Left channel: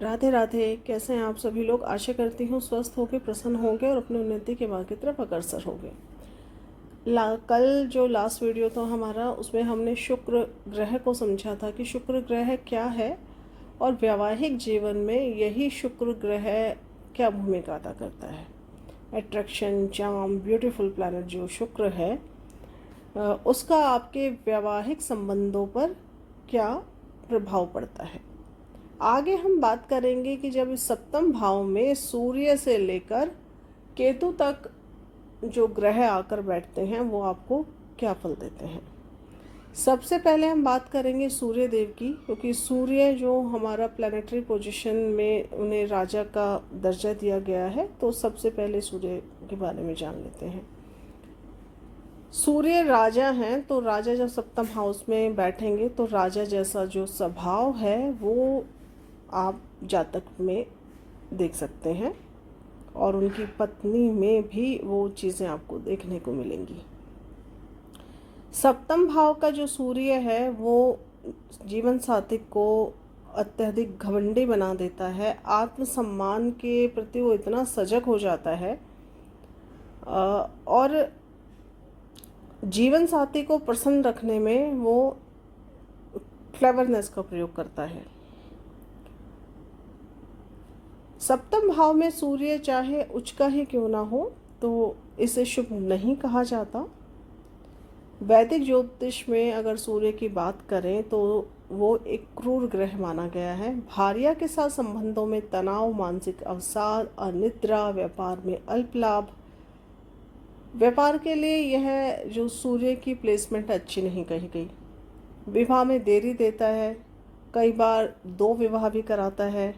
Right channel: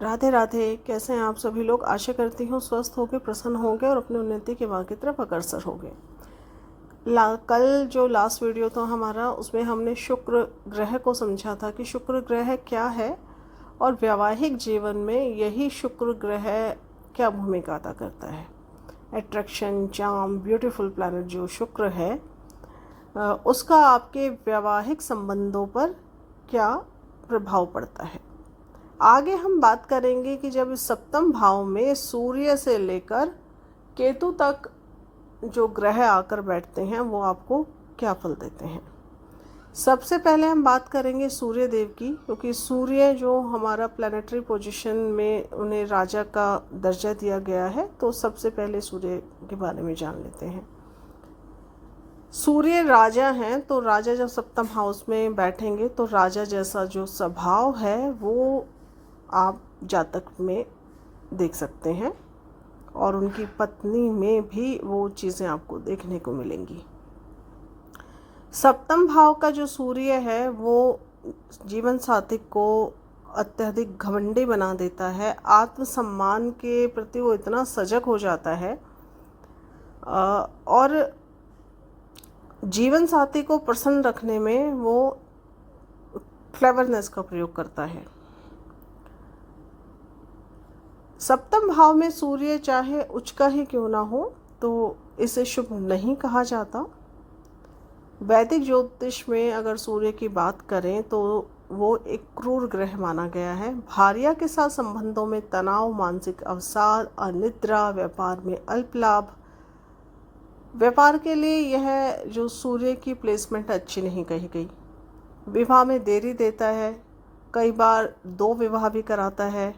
राधे राधे। कैसे हैं आप सभी लोग? आशा करती हूँ स्वस्थ होंगे, प्रसन्न होंगे और अपनी उन्नति के मार्ग की तरफ अग्रसर होंगे। कल जो लास्ट वीडियो था हमारा, उसमें हमने शुक्र ग्रह को समझा था कि शुक्र ग्रह क्या है और वैवाहिक जीवन में यही शुक्र ग्रह क्या भूमिका अदा करता है। अट्रैक्शन, चार्म, ब्यूटीफुल प्लैनेट जो शुक्र है, उसका आपके वैवाहिक संबंधों पर क्या प्रभाव पड़ता है। आगे हम बात करेंगे कि जब इस सप्तम भाव में सूर्य से लेकर केतु तक जो ग्रह आकर बैठते हैं वो आपको क्या फल देते हैं। सबसे पहले हम बात करेंगे सूर्य देव की, क्योंकि सूर्य जो हमारा प्लैनेटरी पोजीशन में उन्हें राजा का दर्जा दिया गया है, तो सबसे पहले सूर्य के बारे में जान लेते हैं। सूर्य राजा हैं, तो राजा जब सप्तम हाउस में बैठेंगे तो राजा जैसा जो स्वभाव है वो आप जातक में देख सकते हैं और उनकी पत्नी में भी वो चीज़ें आपको देखने को मिलेंगी। सप्तम भाव का जो सूर्य है वो जीवन साथी को अत्यधिक घमंडी बना देता है। आत्मसम्मान के प्रति वो इतना सजग हो जाता है और जीवन साथी को प्रसन्न रखने में वो क्लेवरनेस का प्रयोग करता है। सप्तम भाव में सूर्य चाहे उच्च का ही क्यों ना हो तो इसे शुभ नहीं कहा जाता। वैदिक ज्योतिष में अगर सूर्य की बात करें तो वो एक क्रूर ग्रह माना गया है। भार्या के साथ संबंधों में तनाव, मानसिक अवसाद, अनिद्रा, व्यापार में अल्प लाभ। व्यापार के लिए यह जो सूर्य की प्लेसमेंट अच्छी नहीं कही गई। विवाह में देरी देता है, कई बार 2 विवाह भी कराता है।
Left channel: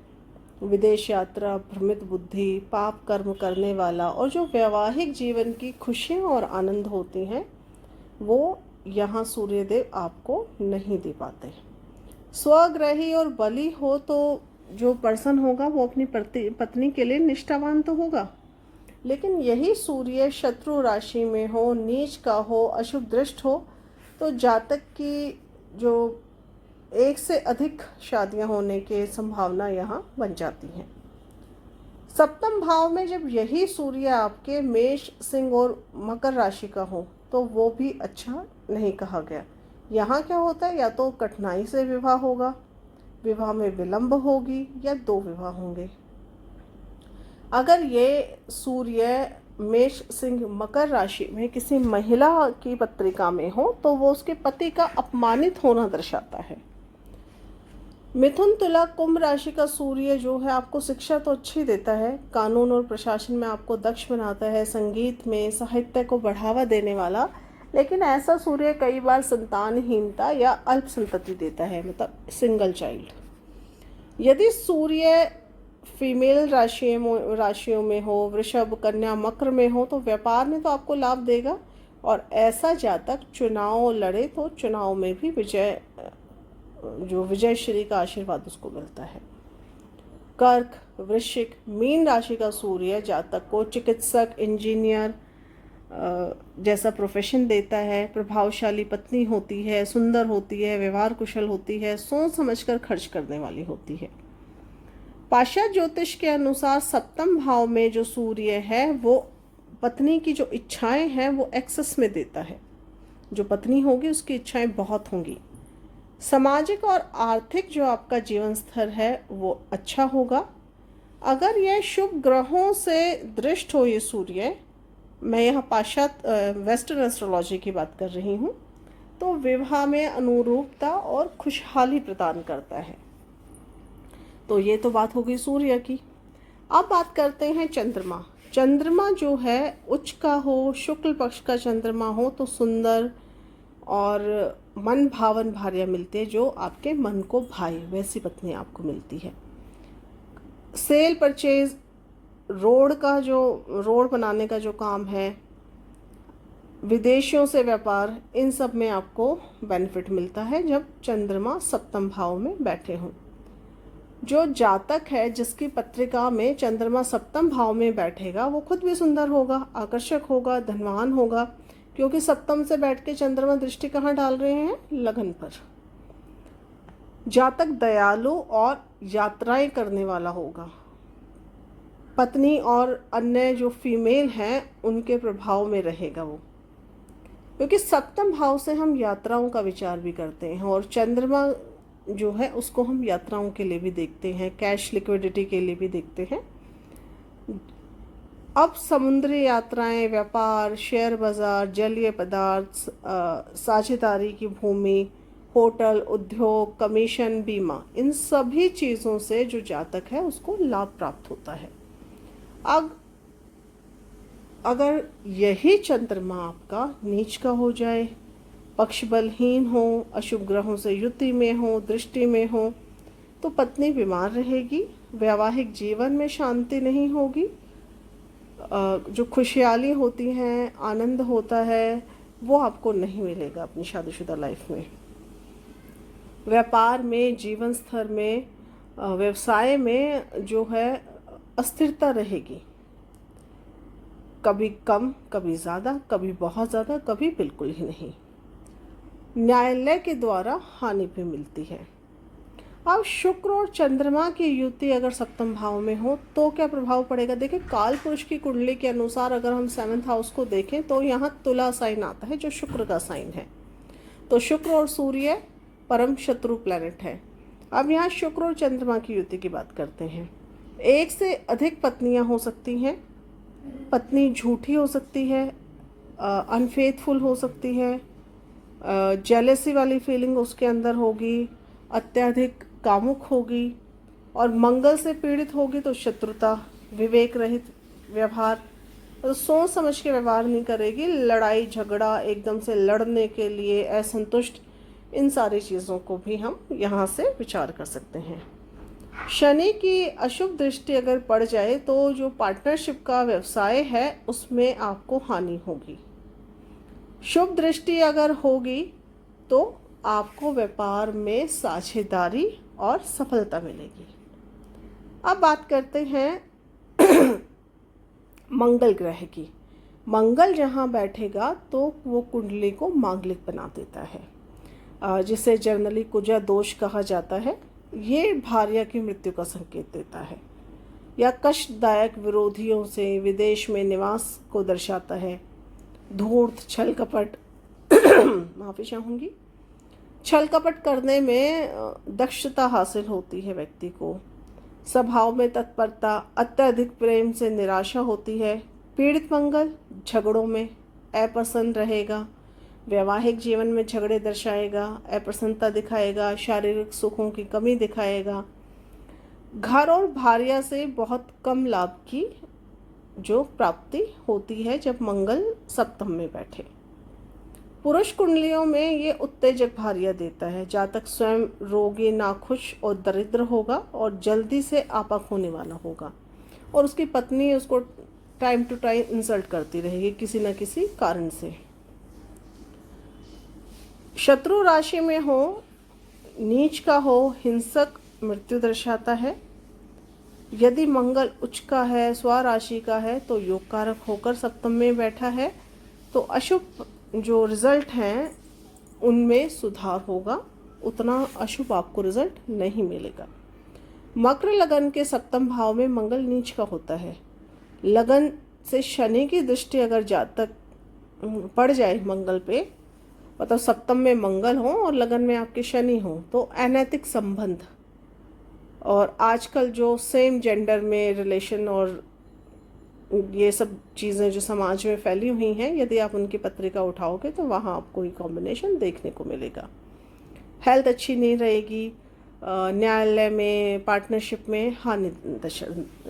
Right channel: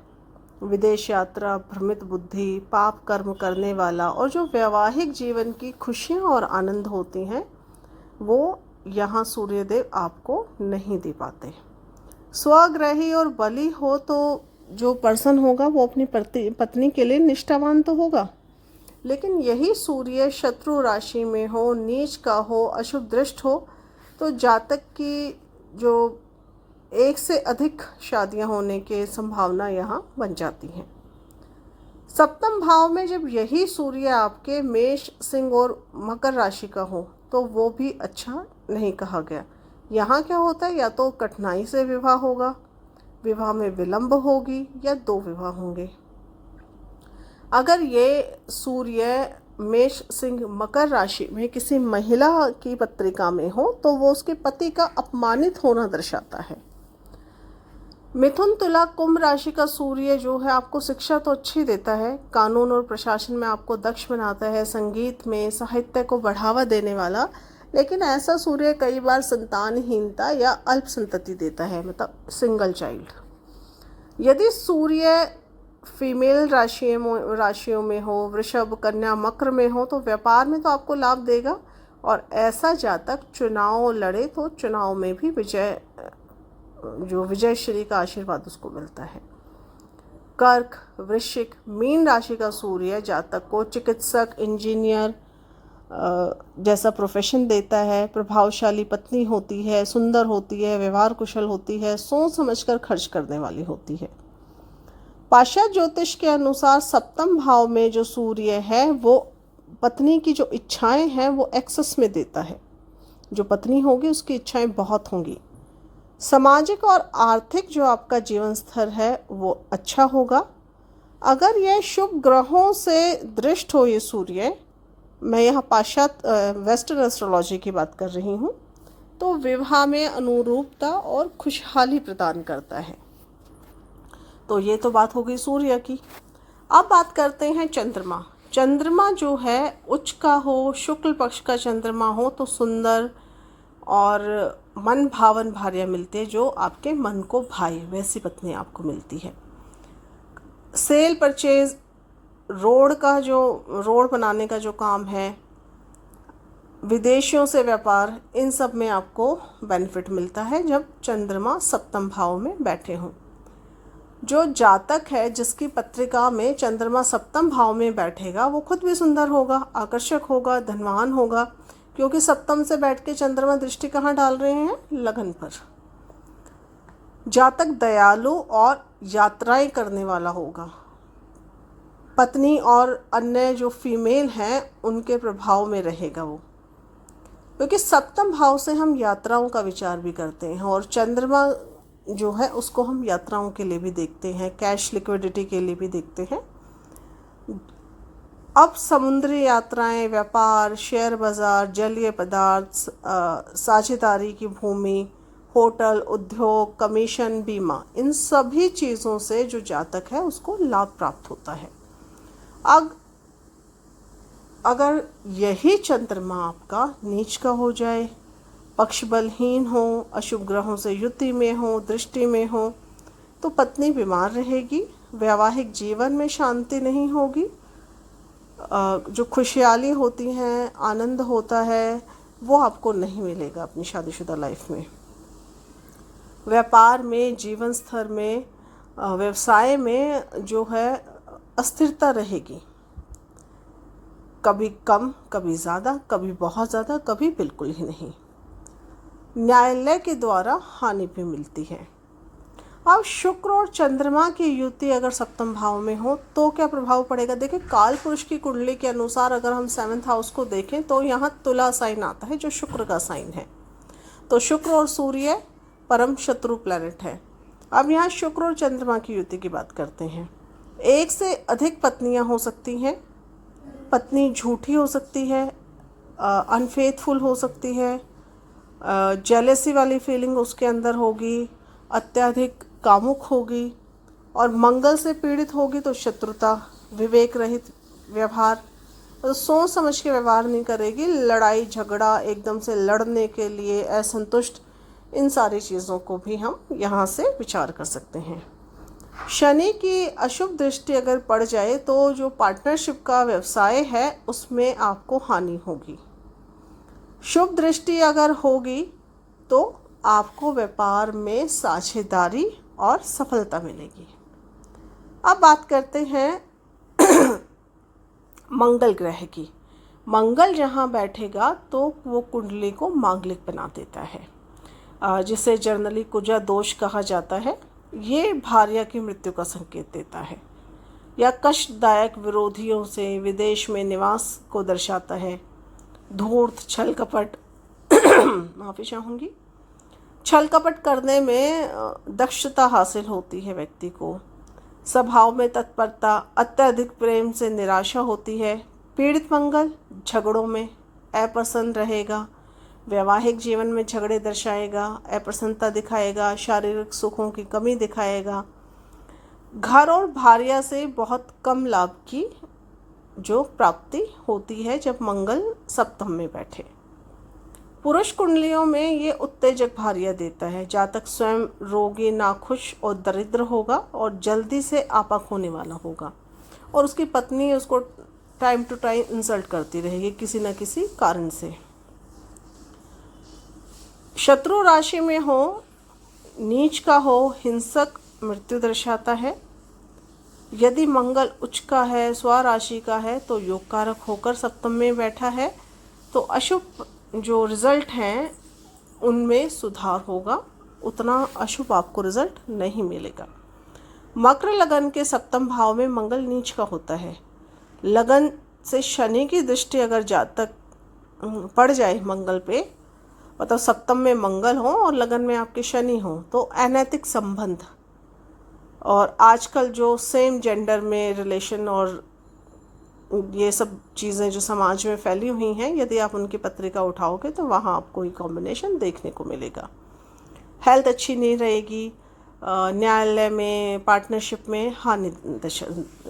विदेश यात्रा, भ्रमित बुद्धि, पाप कर्म करने वाला, और जो वैवाहिक जीवन की खुशियाँ और आनंद होती हैं वो यहाँ सूर्यदेव आपको नहीं दे पाते। स्वग्रही और बली हो तो जो पर्सन होगा वो अपनी पत्नी के लिए निष्ठावान तो होगा, लेकिन यही सूर्य शत्रु राशि में हो, नीच का हो, अशुभ दृष्ट हो, तो जातक की जो 1 से अधिक शादियां होने की संभावना यहाँ बन जाती हैं। सप्तम भाव में जब यही सूर्य आपके मेष, सिंह और मकर राशि का हो तो वो भी अच्छा नहीं कहा गया। यहाँ क्या होता है, या तो कठिनाई से विवाह होगा, विवाह में विलंब होगी, या 2 विवाह होंगे। अगर ये सूर्य मेष, सिंह, मकर राशि में किसी महिला की पत्रिका में हो तो वो उसके पति का अपमानित होना दर्शाता है। मिथुन, तुला, कुंभ राशि का सूर्य जो है आपको शिक्षा तो अच्छी देता है, कानून और प्रशासन में आपको दक्ष बनाता है, संगीत में, साहित्य को बढ़ावा देने वाला, लेकिन ऐसा सूर्य कई बार संतानहीनता या अल्प संतति देता है, मतलब सिंगल चाइल्ड। यदि सूर्य फीमेल राशियों में हो, वृषभ, कन्या, मकर में हो तो व्यापार में तो आपको लाभ देगा, और ऐसा जातक चुनाव लड़े तो चुनाव में भी विजयश्री का आशीर्वाद उसको मिलता है। कर्क, वृश्चिक, मीन राशि का सूर्य जातक को चिकित्सक, इंजीनियर जैसा प्रोफेशन देता है। प्रभावशाली पत्नी होती है, सुंदर होती है, व्यवहार कुशल होती है, सोच समझकर खर्च करने वाली होती है। पाश्चात्य ज्योतिष के अनुसार सप्तम भाव में जो सूर्य है वो पत्नी की जो इच्छाएं हैं वो एक्सेस में देता है। जो पत्नी होगी उसकी इच्छाएं बहुत होंगी। सामाजिक और आर्थिक जो आपका जीवन स्तर है वो अच्छा होगा। अगर यह शुभ ग्रहों से दृष्ट हो ये सूर्य, मैं यहाँ पाश्चात्य वेस्टर्न एस्ट्रोलॉजी की बात कर रही हूँ, तो विवाह में अनुरूपता और खुशहाली प्रदान करता है। तो ये तो बात हो गई सूर्य की। अब बात करते हैं चंद्रमा। चंद्रमा जो है उच्च का हो, शुक्ल पक्ष का चंद्रमा हो तो सुंदर और मन भावन भार्या मिलती है, जो आपके मन को भाए वैसी पत्नी आपको मिलती है। सेल परचेज, रोड बनाने का जो काम है, विदेशियों से व्यापार, इन सब में आपको बेनिफिट मिलता है जब चंद्रमा सप्तम भाव में बैठे हों। जो जातक है जिसकी पत्रिका में चंद्रमा सप्तम भाव में बैठेगा वो खुद भी सुंदर होगा, आकर्षक होगा, धनवान होगा, क्योंकि सप्तम से बैठ के चंद्रमा दृष्टि कहाँ डाल रहे हैं, लगन पर। जातक दयालु और यात्राएं करने वाला होगा। पत्नी और अन्य जो फीमेल हैं उनके प्रभाव में रहेगा वो, क्योंकि सप्तम भाव से हम यात्राओं का विचार भी करते हैं और चंद्रमा जो है उसको हम यात्राओं के लिए भी देखते हैं, कैश लिक्विडिटी के लिए भी देखते हैं। अब समुद्री यात्राएं, व्यापार, शेयर बाजार, जलीय पदार्थ, साझेदारी की भूमि, होटल, उद्योग, कमीशन, बीमा, इन सभी चीज़ों से जो जातक है उसको लाभ प्राप्त होता है। अगर यही चंद्रमा आपका नीच का हो जाए, पक्ष बलहीन हो, अशुभ ग्रहों से युति में हो, दृष्टि में हो, तो पत्नी बीमार रहेगी, वैवाहिक जीवन में शांति नहीं होगी, जो खुशहाली होती हैं, आनंद होता है, वो आपको नहीं मिलेगा अपनी शादीशुदा लाइफ में। व्यापार में, जीवन स्तर में, व्यवसाय में जो है अस्थिरता रहेगी, कभी कम, कभी ज़्यादा, कभी बहुत ज़्यादा, कभी बिल्कुल ही नहीं। न्यायालय के द्वारा हानि भी मिलती है। अब शुक्र और चंद्रमा की युति अगर सप्तम भाव में हो तो क्या प्रभाव पड़ेगा? देखिए, काल पुरुष की कुंडली के अनुसार अगर हम 7th हाउस को देखें तो यहाँ तुला साइन आता है जो शुक्र का साइन है। तो शुक्र और सूर्य परम शत्रु प्लैनेट है। अब यहाँ शुक्र और चंद्रमा की युति की बात करते हैं। एक से अधिक पत्नियाँ हो सकती हैं, पत्नी झूठी हो सकती है, अनफेथफुल हो सकती है, जेलेसी वाली फीलिंग उसके अंदर होगी, अत्यधिक कामुक होगी और मंगल से पीड़ित होगी तो शत्रुता, विवेक रहित व्यवहार, तो सोच समझ के व्यवहार नहीं करेगी, लड़ाई झगड़ा, एकदम से लड़ने के लिए असंतुष्ट, इन सारी चीज़ों को भी हम यहाँ से विचार कर सकते हैं। शनि की अशुभ दृष्टि अगर पड़ जाए तो जो पार्टनरशिप का व्यवसाय है उसमें आपको हानि होगी। शुभ दृष्टि अगर होगी तो आपको व्यापार में साझेदारी और सफलता मिलेगी। अब बात करते हैं मंगल ग्रह की। मंगल जहाँ बैठेगा तो वो कुंडली को मांगलिक बना देता है, जिसे जर्नली कुजा दोष कहा जाता है। ये भार्या की मृत्यु का संकेत देता है या कष्टदायक विरोधियों से विदेश में निवास को दर्शाता है। धूर्त, छल कपट माफ़ी चाहूँगी, छल कपट करने में दक्षता हासिल होती है व्यक्ति को। स्वभाव में तत्परता, अत्यधिक प्रेम से निराशा होती है। पीड़ित मंगल झगड़ों में अप्रसन्न रहेगा, वैवाहिक जीवन में झगड़े दर्शाएगा, अप्रसन्नता दिखाएगा, शारीरिक सुखों की कमी दिखाएगा। घर और भार्या से बहुत कम लाभ की जो प्राप्ति होती है जब मंगल सप्तम में बैठे। पुरुष कुंडलियों में ये उत्तेजक भार्या देता है। जातक स्वयं रोगी, नाखुश और दरिद्र होगा और जल्दी से आपा खोने वाला होगा और उसकी पत्नी उसको टाइम टू टाइम इंसल्ट करती रहेगी किसी न किसी कारण से। शत्रु राशि में हो, नीच का हो, हिंसक मृत्यु दर्शाता है। यदि मंगल उच्च का है, स्वराशि का है तो योग कारक होकर सप्तम में बैठा है तो अशुभ जो रिजल्ट हैं उनमें सुधार होगा, उतना अशुभ आपको रिजल्ट नहीं मिलेगा। मकर लगन के सप्तम भाव में मंगल नीच का होता है। लगन से शनि की दृष्टि अगर जातक पड़ जाए मंगल पे, मतलब सप्तम में मंगल हो और लगन में आपके शनि हो, तो अनैतिक संबंध और आजकल जो सेम जेंडर में रिलेशन और ये सब चीज़ें जो समाज में फैली हुई हैं, यदि आप उनकी पत्रिका उठाओगे तो वहाँ आपको ये कॉम्बिनेशन देखने को मिलेगा। हेल्थ अच्छी नहीं रहेगी, न्यायालय में, पार्टनरशिप में हानि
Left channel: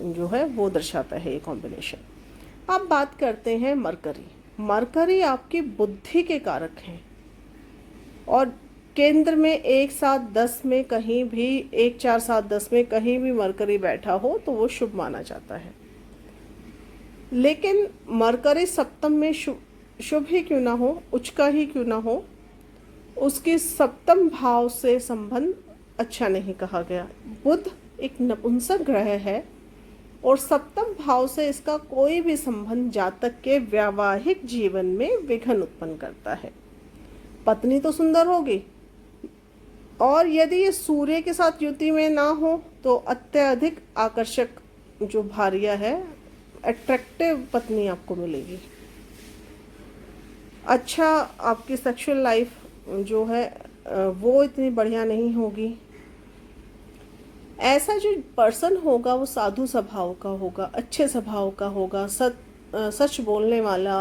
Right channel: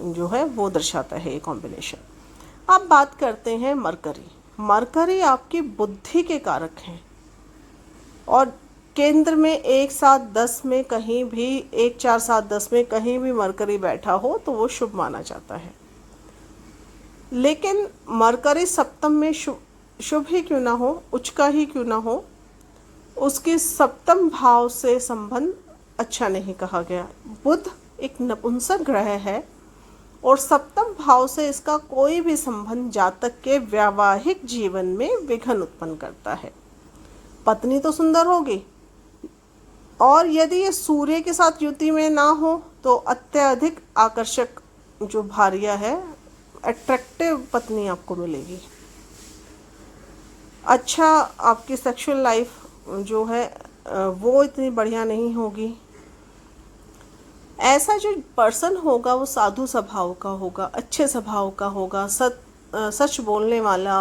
जो है वो दर्शाता है ये कॉम्बिनेशन। अब बात करते हैं मरकरी। मरकरी आपकी बुद्धि के कारक हैं और केंद्र में 1 7 10 में कहीं भी 1 4 7 10 में कहीं भी मरकरी बैठा हो तो वो शुभ माना जाता है। लेकिन मरकरी सप्तम में शुभ ही क्यों ना हो, उच्च का ही क्यों ना हो, उसकी सप्तम भाव से संबंध अच्छा नहीं कहा गया। बुध एक नपुंसक ग्रह है और सप्तम भाव से इसका कोई भी संबंध जातक के वैवाहिक जीवन में विघ्न उत्पन्न करता है। पत्नी तो सुंदर होगी और यदि ये सूर्य के साथ युति में ना हो तो अत्यधिक आकर्षक जो भार्या है, अट्रैक्टिव पत्नी आपको मिलेगी। अच्छा, आपकी सेक्सुअल लाइफ जो है वो इतनी बढ़िया नहीं होगी। ऐसा जो पर्सन होगा वो साधु स्वभाव का होगा, अच्छे स्वभाव का होगा, सच बोलने वाला,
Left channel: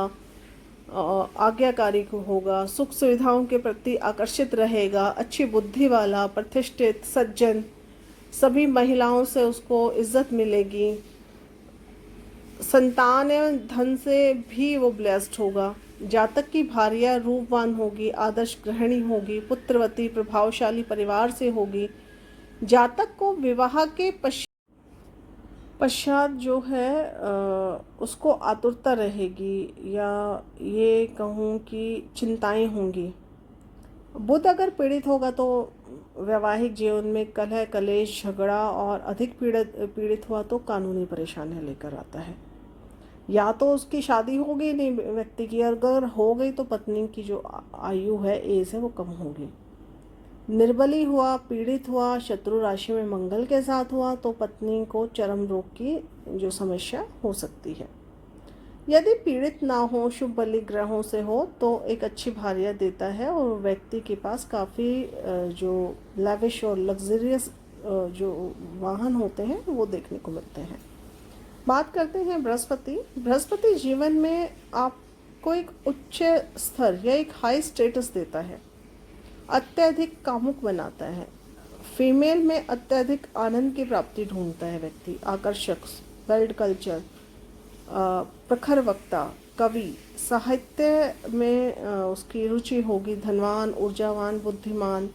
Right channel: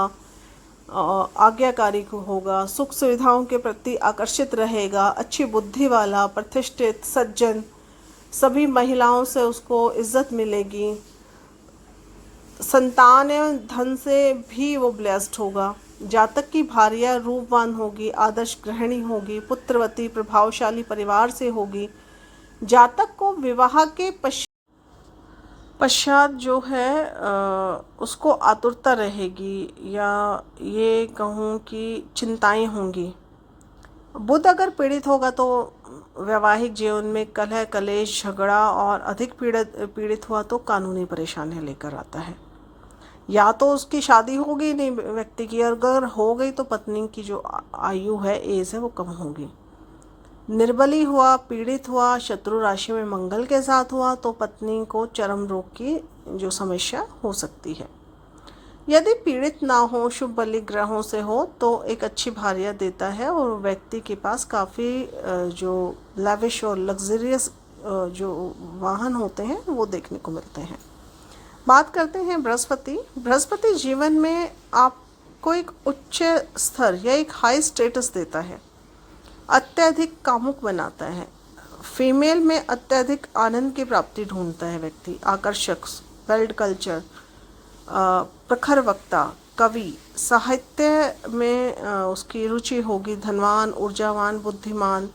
आज्ञाकारी को होगा, सुख सुविधाओं के प्रति आकर्षित रहेगा, अच्छी बुद्धि वाला, प्रतिष्ठित, सज्जन, सभी महिलाओं से उसको इज्जत मिलेगी, संतान एवं धन से भी वो ब्लेस्ड होगा। जातक की भार्या रूपवान होगी, आदर्श गृहिणी होगी, पुत्रवती, प्रभावशाली परिवार से होगी। जातक को विवाह के पश्चात जो है उसको आतुरता रहेगी, या ये कहूँ कि चिंताएं होंगी। बुध अगर पीड़ित होगा तो वैवाहिक जीवन में कलह, कलेश, झगड़ा और अधिक पीड़ित हुआ तो कानूनी परेशानियां लेकर आता है। या तो उसकी शादी होगी नहीं व्यक्ति की, अगर हो गई तो पत्नी की जो आयु है, एज है, वो कम होगी। निर्बली हुआ, पीड़ित हुआ, शत्रु राशि में मंगल के साथ हुआ तो पत्नी को चरम रोग की जो समस्या हो सकती है। यदि पीड़ित ना हो, शुभ बलि ग्रहों से हो तो एक अच्छी भार्या देता है और व्यक्ति के पास काफ़ी जो लैविश और लग्जरियस जो वाहन होते हैं वो देखने को मिलते हैं। बात करते हैं बृहस्पति। बृहस्पति जीवन में आपको एक उच्च स्तर या एक हाई स्टेटस देता है, अत्यधिक कामुक बनाता है, फीमेल में अत्यधिक आनंद की प्राप्ति ढूंढता है व्यक्ति, आकर्षक, वर्ल्ड कल्चर, प्रखर वक्ता, कवि, साहित्य में उसकी रुचि होगी, धनवान, ऊर्जावान, बुद्धिमान,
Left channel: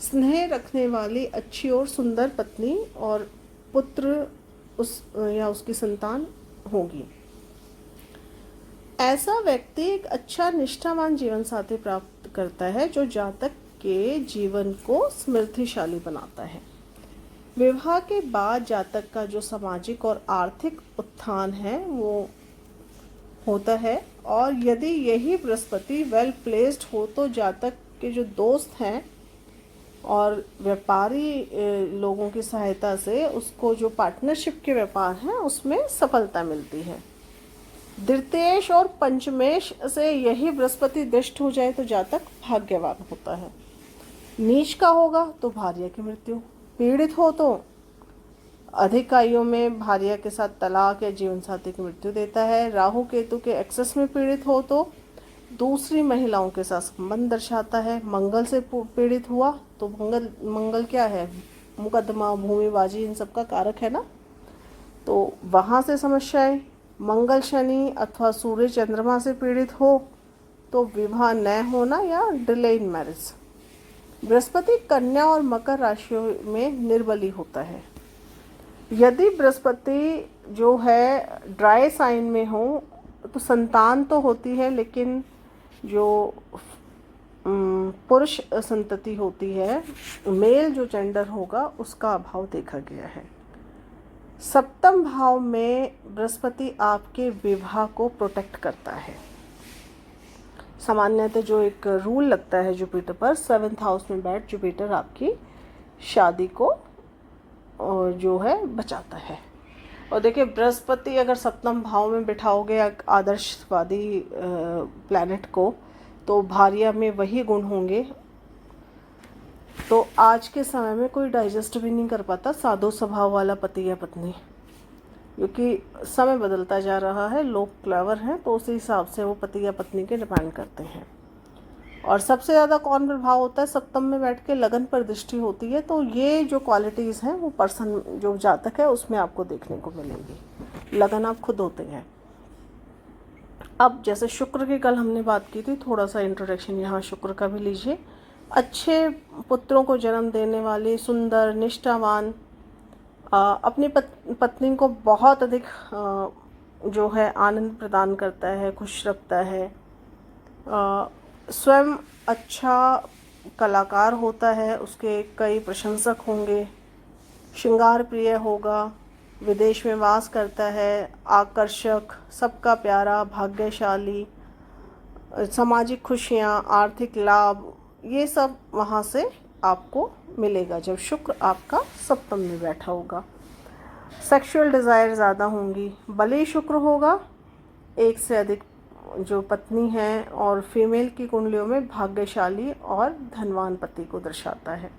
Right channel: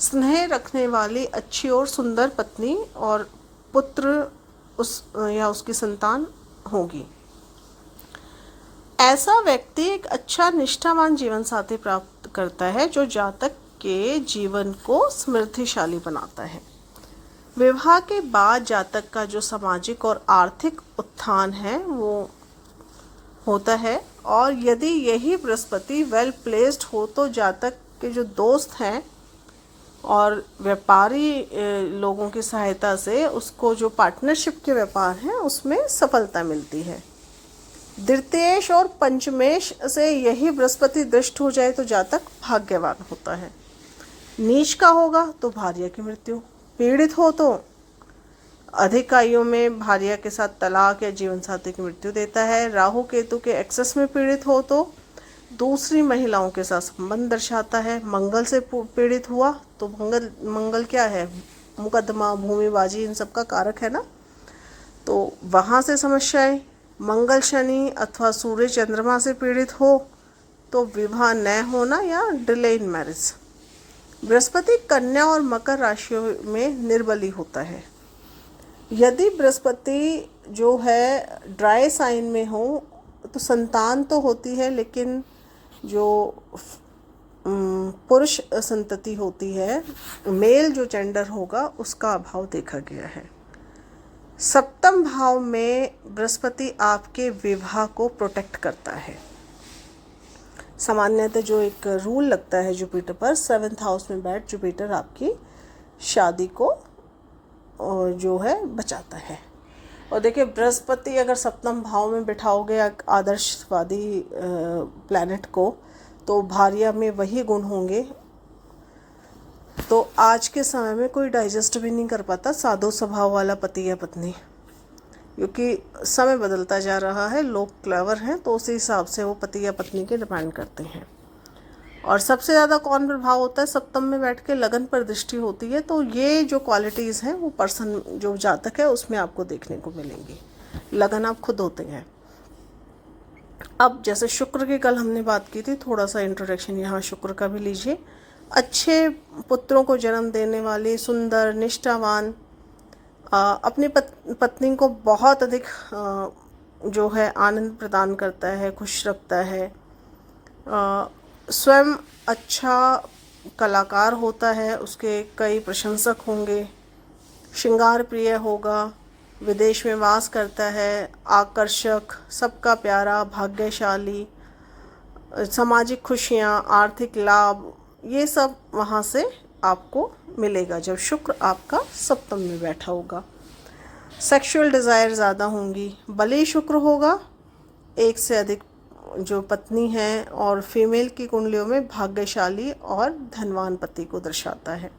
स्नेह रखने वाली अच्छी और सुंदर पत्नी और पुत्र या उसकी संतान होगी। ऐसा व्यक्ति एक अच्छा निष्ठावान जीवन साथी प्राप्त करता है जो जातक के जीवन को समृद्धिशाली बनाता है। विवाह के बाद जातक का जो सामाजिक और आर्थिक उत्थान है वो होता है, और यदि यही बृहस्पति वेल प्लेस्ड हो तो जातक के जो दोस्त हैं और व्यापारी लोगों की सहायता से उसको जो पार्टनरशिप के व्यापार हैं उसमें सफलता मिलती है। द्वितीयेश और पंचमेश से यही बृहस्पति दृष्ट हो जाए तो जातक भाग्यवान होता है। नीच का होगा तो भार्या की मृत्यु, पीड़ित हो तो अधिक आयु में भार्या के साथ तलाक या जीवन साथी की मृत्यु देता है। राहु केतु के एक्सेस में पीड़ित हो तो दूसरी महिलाओं के साथ संबंध दर्शाता है। मंगल से पीड़ित हुआ तो मंगल क्या है, मुकदमा, भूमिबाजी, इन सब का कारक है ना, तो वहाँ से समस्याएं। मंगल शनि अथवा सूर्य चंद्रमा से पीड़ित हो तो विवाह न होना या डिले इन मैरिज। बृहस्पति कन्या और मकर राशियों में निर्बली होता है। यदि बृहस्पति जो है ड्राई साइन में हो तो संतान तो होती है, लेकिन जो पुरुष संतति होती है, मेल जो जेंडर होगा, उसका अभाव देखा गया है। सप्तम भाव में बृहस्पति आपके विवाह को प्रोटेक्ट करता है। सामान्यतः जो एक रूल लगता है जुपिटर पर, 7th हाउस में बैठ जुपिटर आपकी शादी को जो है बचाता है। और देखिए, बृहस्पति अगर सप्तम भाव में बिठाओगे आदर्शवादी प्लैनेट को तो भार्या में वही गुण होंगे, तो आज के समय में कोई डाइजेस्ट भी नहीं कर पाता साधु स्वभाव वाला पति या पत्नी, क्योंकि समय बदलता जा रहा है, लोग क्लेवर हैं, तो उसी हिसाब से वो पति या पत्नी के डिपेंड करते हैं। और सबसे ज़्यादा कौन प्रभाव होता है, सप्तम में बैठ के लगन पर दृष्टि होती है, तो ये जो क्वालिटीज़ हैं वो पर्सन जो जातक है उसमें आपको देखने को मिलेंगी। लगन आप खुद होते हैं। अब जैसे शुक्र की कल हमने बात की थी, थोड़ा सा इंट्रोडक्शन यहाँ शुक्र का भी लीजिए। अच्छे पुत्रों को जन्म देने वाले, सुंदर, निष्ठावान, अपनी पत्नी को बहुत अधिक जो है आनंद प्रदान करता है, खुश रखता है, स्वयं अच्छा कलाकार होता है, उसके कई प्रशंसक होंगे, श्रृंगार प्रिय होगा, विदेश में वास करता है, आकर्षक, सबका प्यारा, भाग्यशाली, सामाजिक खुशियाँ, आर्थिक लाभ, ये सब वहाँ से आपको मिलेगा जब शुक्र आपका सप्तम में बैठा होगा। सेक्सुअल डिज़ायर ज़्यादा होंगी। बली शुक्र होगा, एक से अधिक जो पत्नी है, और फीमेल की कुंडलियों में भाग्यशाली और धनवान पति को दर्शाता है।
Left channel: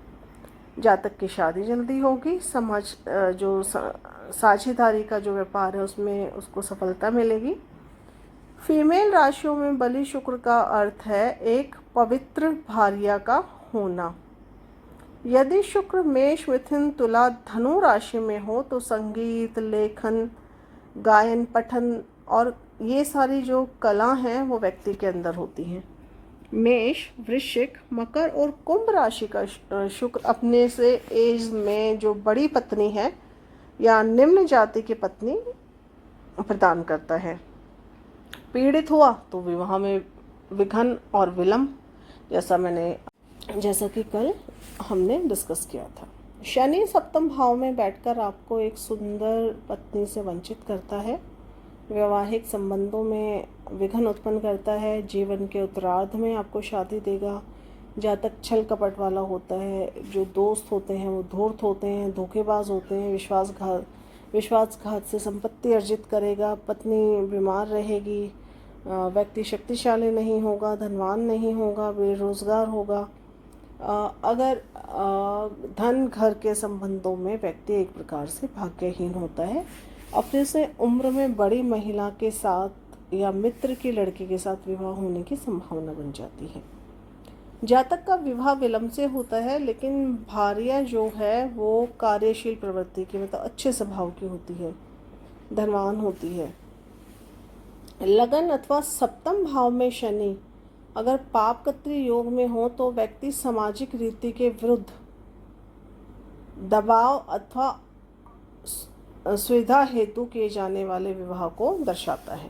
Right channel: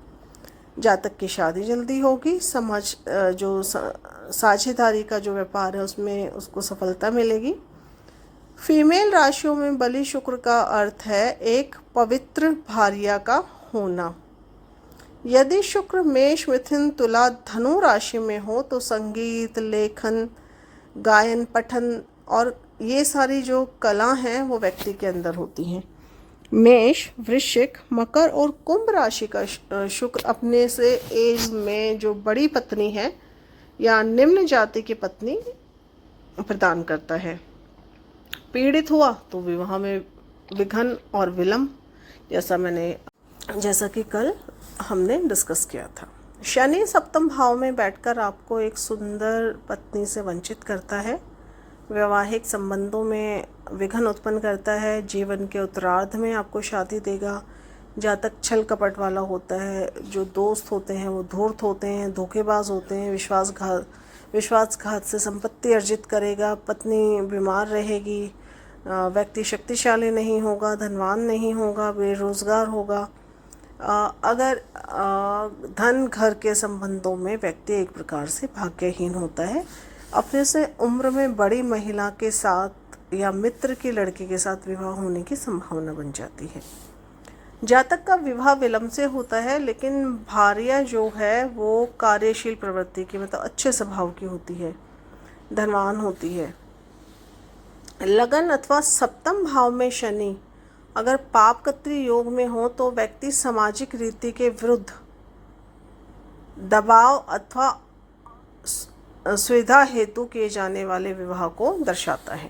जातक की शादी जल्दी होगी। जो साझेदारी का जो व्यापार है उसमें उसको सफलता मिलेगी। फीमेल राशियों में बलि शुक्र का अर्थ है एक पवित्र भार्या का होना। यदि शुक्र मेष, मिथुन, तुला, धनु राशि में हो तो संगीत, लेखन, गायन, पठन और ये सारी जो कला हैं वो व्यक्ति के अंदर होती हैं। मेष, वृश्चिक, मकर और कुंभ राशि का शुक्र अपने से एज में जो बड़ी पत्नी है या निम्न जाति की पत्नी प्रदान करता है। पीड़ित हुआ तो विवाह में विघ्न और विलंब, जैसा कि कल हमने डिस्कस किया था। शनि सप्तम भाव में बैठकर आपको एक सुंदर पत्नी से वंचित करता है। वैवाहिक संबंधों में विघ्न उत्पन्न करता है। जीवन के उत्तरार्ध में आपको शादी देगा। जातक छल कपट वाला होता है। जो दोस्त होते हैं वो धूर्त होते हैं, धोखेबाज होते हैं। विश्वासघात से संपत्ति अर्जित करेगा। पत्नी बीमार रहेगी। व्यक्ति शक्तिशाली नहीं होगा, धनवान नहीं होगा, बेरोजगार होगा। अगर धन घर के संबंधों में व्यक्ति एक प्रकार से भाग्यहीन होता है। अपने से उम्र में बड़ी महिला के साथ या मित्र की लड़की के साथ विवाह होने की संभावना बन जाती है। जातक का विवाह विलंब से होता है, लेकिन भार्या जो है वो कार्यशील प्रवृत्ति की, मतलब अच्छे स्वभाव की होती है, धनवान होती है। लगन अथवा सप्तम भाव में शनि अगर पापकत्री योग में हो तो व्यक्ति सामाजिक रीति के विरुद्ध दबाव अथवा सुविधा हेतु किए जाने वाले विवाह को दर्शाता है।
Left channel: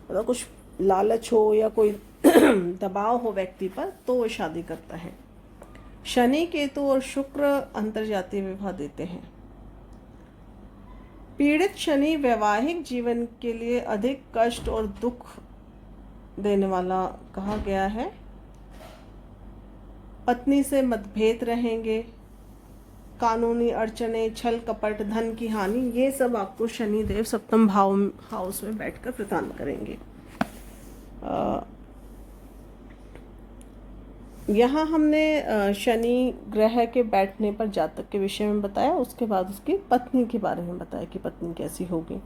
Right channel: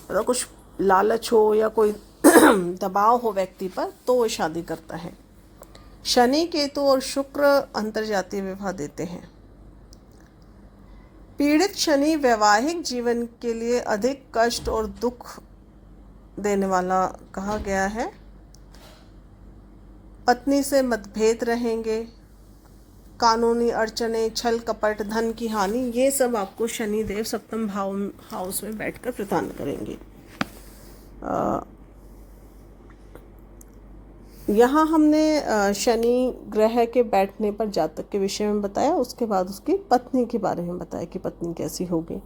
मतलब कुछ लालच हो या कोई दबाव हो व्यक्ति पर तो वो शादी करता है। शनि, केतु और शुक्र अंतर्जातीय विवाह देते हैं। पीड़ित शनि वैवाहिक जीवन के लिए अधिक कष्ट और दुख देने वाला कहा गया है। पत्नी से मतभेद रहेंगे। कानूनी अड़चने, छल कपट, धन की हानि, ये सब आपको शनि देव सप्तम हाउस में बैठकर प्रदान करेंगे। यहाँ हमने शनि ग्रह के बैठने पर जातक के विषय में बताया। उसके बाद उसकी पत्नी के बारे में बताया कि पत्नी कैसी होगी।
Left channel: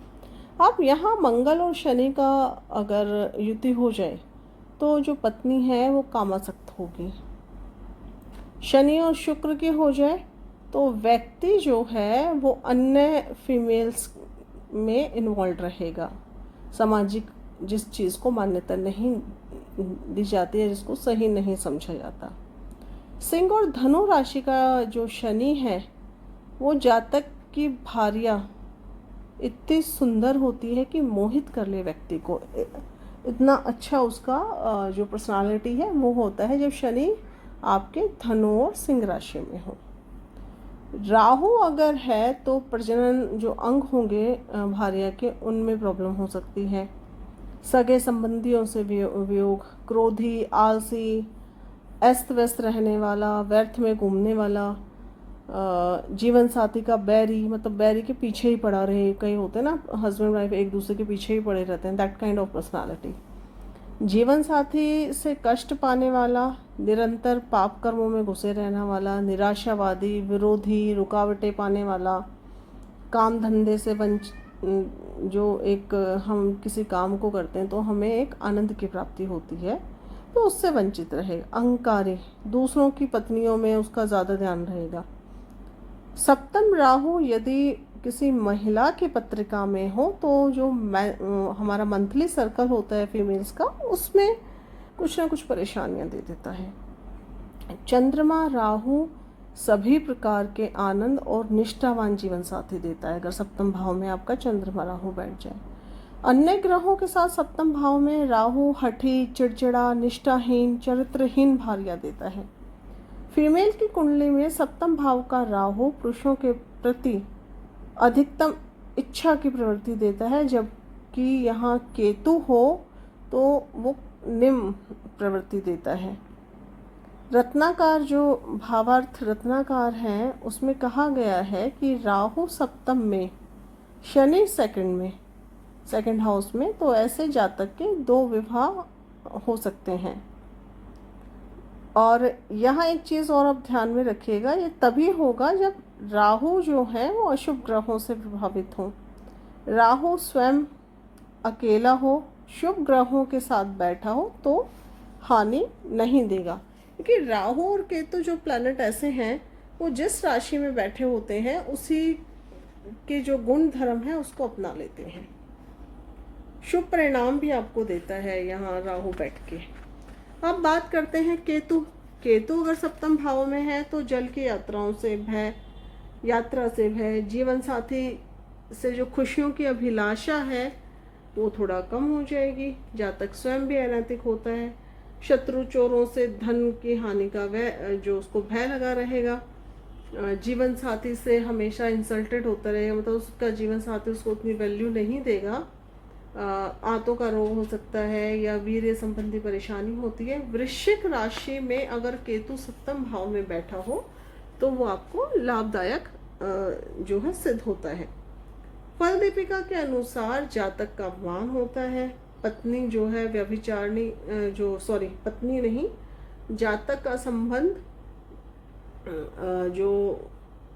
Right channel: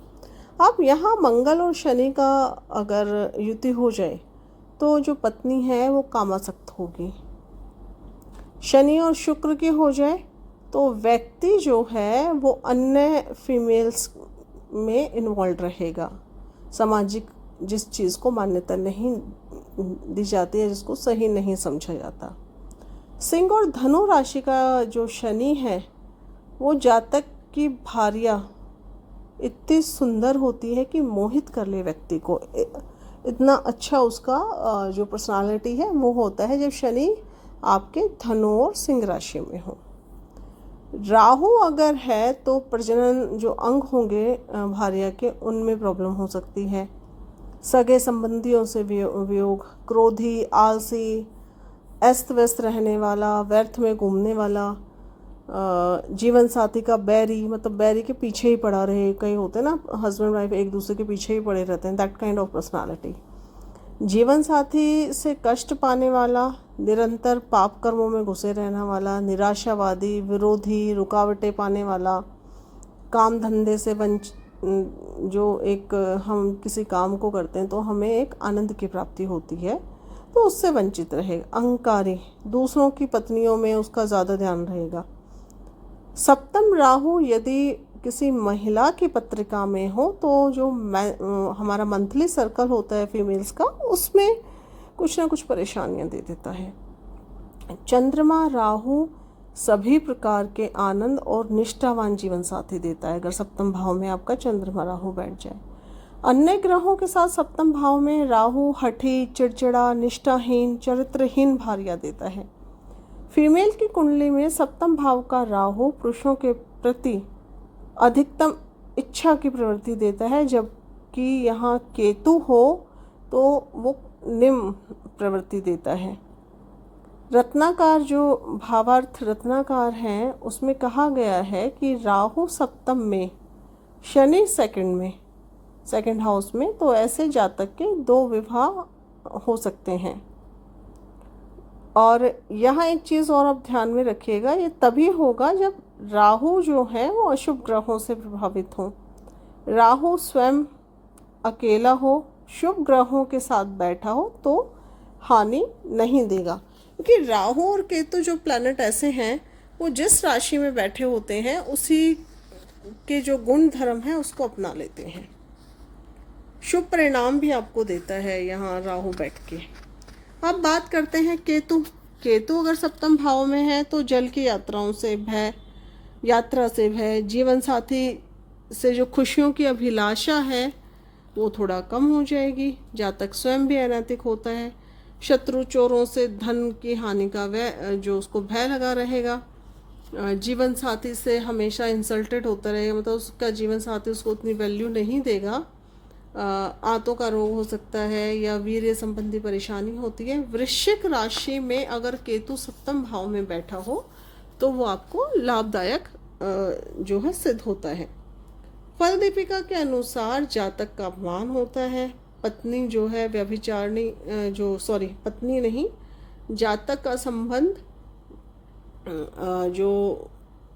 अब यहाँ मंगल और शनि का अगर युति हो जाए तो जो पत्नी है वो कामासक्त होगी। शनि और शुक्र की हो जाए तो व्यक्ति जो है वो अन्य फीमेल्स में इन्वॉल्व रहेगा। सामाजिक जिस चीज़ को मान्यता नहीं दी जाती है, जिसको सही नहीं समझा जाता। सिंह और धनु राशि का जो शनि है वो जातक की भार्या इतनी सुंदर होती है कि मोहित कर ले व्यक्ति को। इतना अच्छा उसका जो पर्सनालिटी है वो होता है जब शनि आपके धनु और सिंह राशि में हो। राहु अगर है तो प्रजनन जो अंग होंगे भार्या के, उनमें प्रॉब्लम हो सकती है। सगे संबंधियों से वियोग, क्रोधी, आलसी, अस्त व्यस्त रहने वाला, व्यर्थ में घूमने वाला, जीवन साथी का बैरी, मतलब बैरी के पीछे ही पड़ा रहे। कई होते हैं ना हस्बैंड वाइफ एक दूसरे के पीछे ही पड़े रहते हैं, दैट काइंड ऑफ पर्सनालिटी। जीवन साथी से कष्ट पाने वाला, निरंतर पाप कर्मों में घुसे रहने वाला, निराशावादी, विरोधी, रुकावटें पाने वाला, काम धंधे से जो एक हम किसी काम को करते हैं तो हमें एक आनंद की प्राप्ति होती है तो उससे वंचित रहेगा। अहंकारी, दूसरों की पत्नियों में उसका ज़्यादा ध्यान रहेगा। सप्तम राहु यदि किसी महिला की पत्रिका में हो तो जो हमारा मंथली सर्कल होता है फीमेल्स का, उसमें कुछ ना कुछ परेशानियां दे देता है। चंद्रमा राहु सभी प्रकार के आनंद और निष्ठावान जीवन साथी देता है अगर सप्तम भाव में आपका चंद्रमा राहु बैठ जाए। अन्य ग्रहों के साथ सप्तम भाव में राहु हठी, चिड़चिड़ा, निष्ठाहीन, चरित्रहीन भार्या देता है। फीमेल की कुंडली में सप्तम भाव का राहु पुरुषों के प्रति अधिकतम इच्छा की प्रवृत्ति देता है, जबकि यहाँ केतु हो तो वो निम्न प्रवृत्ति देता है। रत्नाकार जो भावार्थ रत्नाकार हैं उसमें कहा गया है कि राहु सप्तम में, शनि सेकंड में, सेकंड हाउस में, तो ऐसे जातक के 2 विवाह हो सकते हैं। और यहाँ एक चीज़ और आप ध्यान में रखिएगा, ये तभी होगा जब राहु जो है वो अशुभ ग्रहों से प्रभावित हो। राहु स्वयं अकेला हो, शुभ ग्रहों के साथ बैठा हो तो हानि नहीं देगा, क्योंकि राहु और केतु जो प्लैनेट ऐसे हैं वो जिस राशि में बैठे होते हैं उसी के जो गुण धर्म है उसको अपना लेते हैं। शुभ परिणाम भी आपको देता है यहाँ राहु बैठ के। अब बात करते हैं केतु। केतु अगर सप्तम भाव में है तो जल की यात्राओं से भय, यात्रा से भय, जीवन साथी से जो खुशियों की अभिलाषा है वो थोड़ा कम हो जाएगी। जातक स्वयं भी अनैतिक होता है। शत्रु चोरों से धन की हानि का जो उसको भय लगा रहेगा। जीवन साथी से हमेशा इंसल्टेड होता रहेगा, मतलब उसका जीवन साथी उसको उतनी वैल्यू नहीं देगा। आंतों का रोग हो सकता है या वीर्य संबंधी परेशानी होती है। वृश्चिक राशि में अगर केतु सप्तम भाव में बैठा हो तो वो आपको लाभदायक जो है सिद्ध होता है। फल दीपिका के अनुसार जातक का अपमान होता है। पत्नी जो है व्यभिचारिणी, पत्नी नहीं, जातक का संबंध जो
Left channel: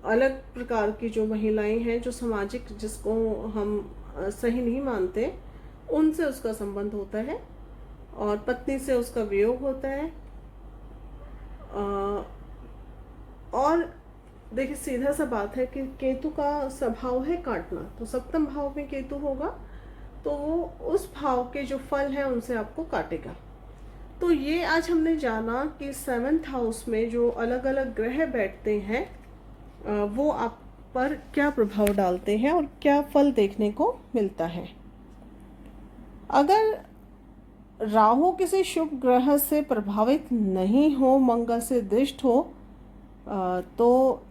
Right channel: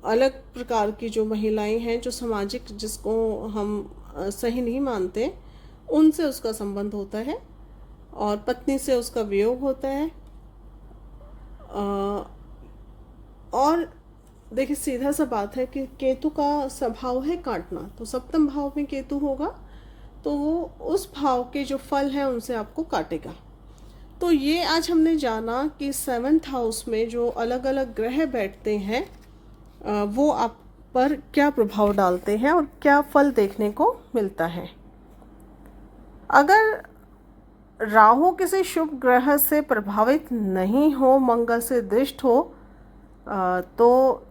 अलग प्रकार की जो महिलाएं हैं जो सामाजिक, जिसको हम सही नहीं मानते, उनसे उसका संबंध होता है और पत्नी से उसका वियोग होता है। और देखिए सीधा सा बात है कि केतु का स्वभाव है काटना, तो सप्तम भाव में केतु होगा तो वो उस भाव के जो फल है उनसे आपको काटेगा। तो ये आज हमने जाना कि 7th हाउस में जो अलग अलग ग्रह बैठते हैं वो आप पर क्या प्रभाव डालते हैं और क्या फल देखने को मिलता है। अगर राहु किसी शुभ ग्रह से प्रभावित नहीं हो, मंगल से दृष्ट हो, तो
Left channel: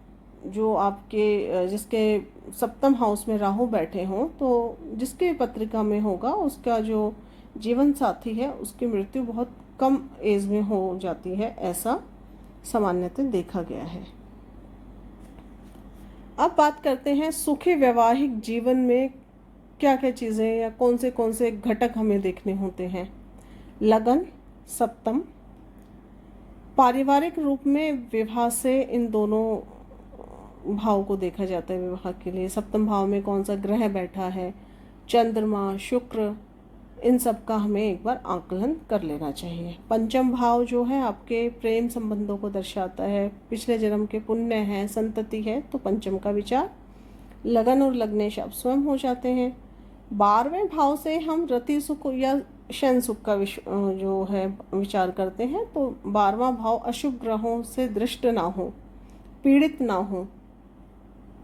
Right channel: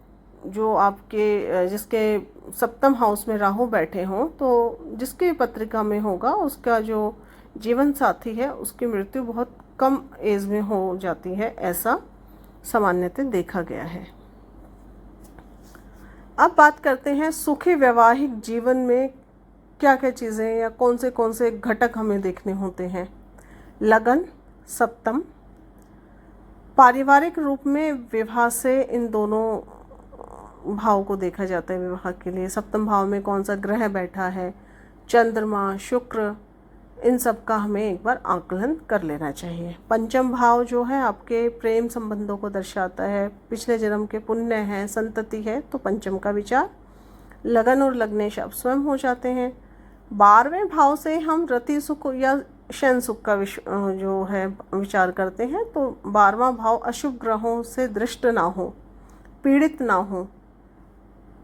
जो आपके जिसके सप्तम हाउस में राहु बैठे हों तो जिसके पत्रिका में होगा उसका जो जीवन साथी है उसकी मृत्यु बहुत कम एज में हो जाती है, ऐसा सामान्यतः देखा गया है। अब बात करते हैं सुखी वैवाहिक जीवन में क्या क्या चीज़ें या कौन से घटक हमें देखने होते हैं। लगन सप्तम, पारिवारिक रूप में विवाह से इन दोनों भाव को देखा जाता है। विवाह के लिए सप्तम भाव में कौन सा ग्रह बैठा है, चंद्रमा, शुक्र, इन सब का हमें एक बार आकलन कर लेना चाहिए। पंचम भाव जो है आपके प्रेम संबंधों को दर्शाता है, पिछले जन्म के पुण्य है, संतति है, तो पंचम का विचार। लगन और लग्नेश आप स्वयं हो जाते हैं। 12वें भाव से हम रति सुख या शयन सुख का जो है विचार करते हैं, तो 12वां भाव अशुभ ग्रहों से दृष्ट ना हो, पीड़ित ना हो।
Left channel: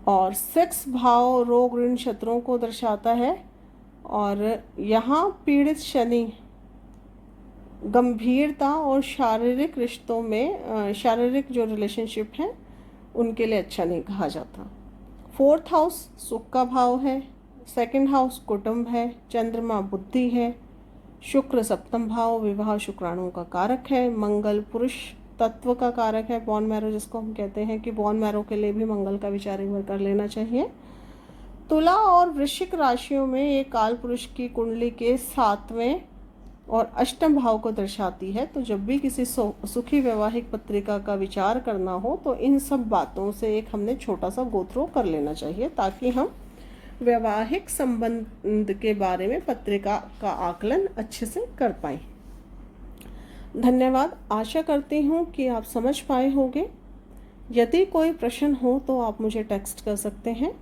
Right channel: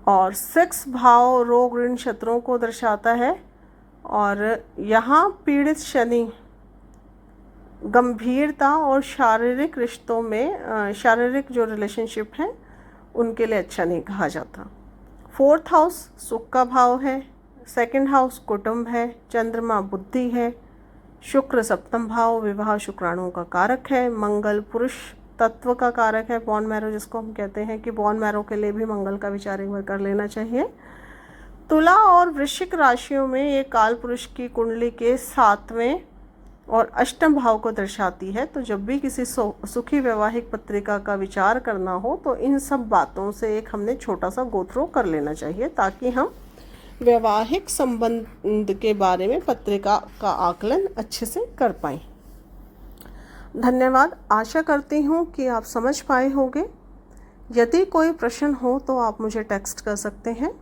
और 6 भाव रोग ऋण शत्रुओं को दर्शाता है और यहाँ पीड़ित शनि गंभीरता और शारीरिक रिश्तों में, शारीरिक जो रिलेशनशिप हैं उनके लिए अच्छा नहीं कहा जाता। 4th हाउस सुख का भाव है, 2nd हाउस कुटुंब है, चंद्रमा बुद्धि है, शुक्र सप्तम भाव विवाह शुक्राणुओं का कारक है, मंगल पुरुष तत्व का कारक है, बॉन मैरो जिसको हम कहते हैं, कि बॉन मैरो के लिए भी मंगल का विचार एक बार कर लेना चाहिए। तुला और वृश्चिक राशियों में ये काल पुरुष की कुंडली के 7वें और 8म भाव को दर्शाती है। तो जब भी किसी सुखी वैवाहिक पत्रिका का विचार करना हो तो इन सब बातों से एक हमने छोटा सा गो थ्रू कर लेना चाहिए, ताकि हम वैवाहिक संबंध के बारे में पत्रिका का आकलन अच्छे से कर पाएं। धन्यवाद। आशा करती हूँ कि आप समझ पाए होंगे। यदि कोई प्रश्न हो तो आप मुझे टेक्स्ट कर सकते हैं।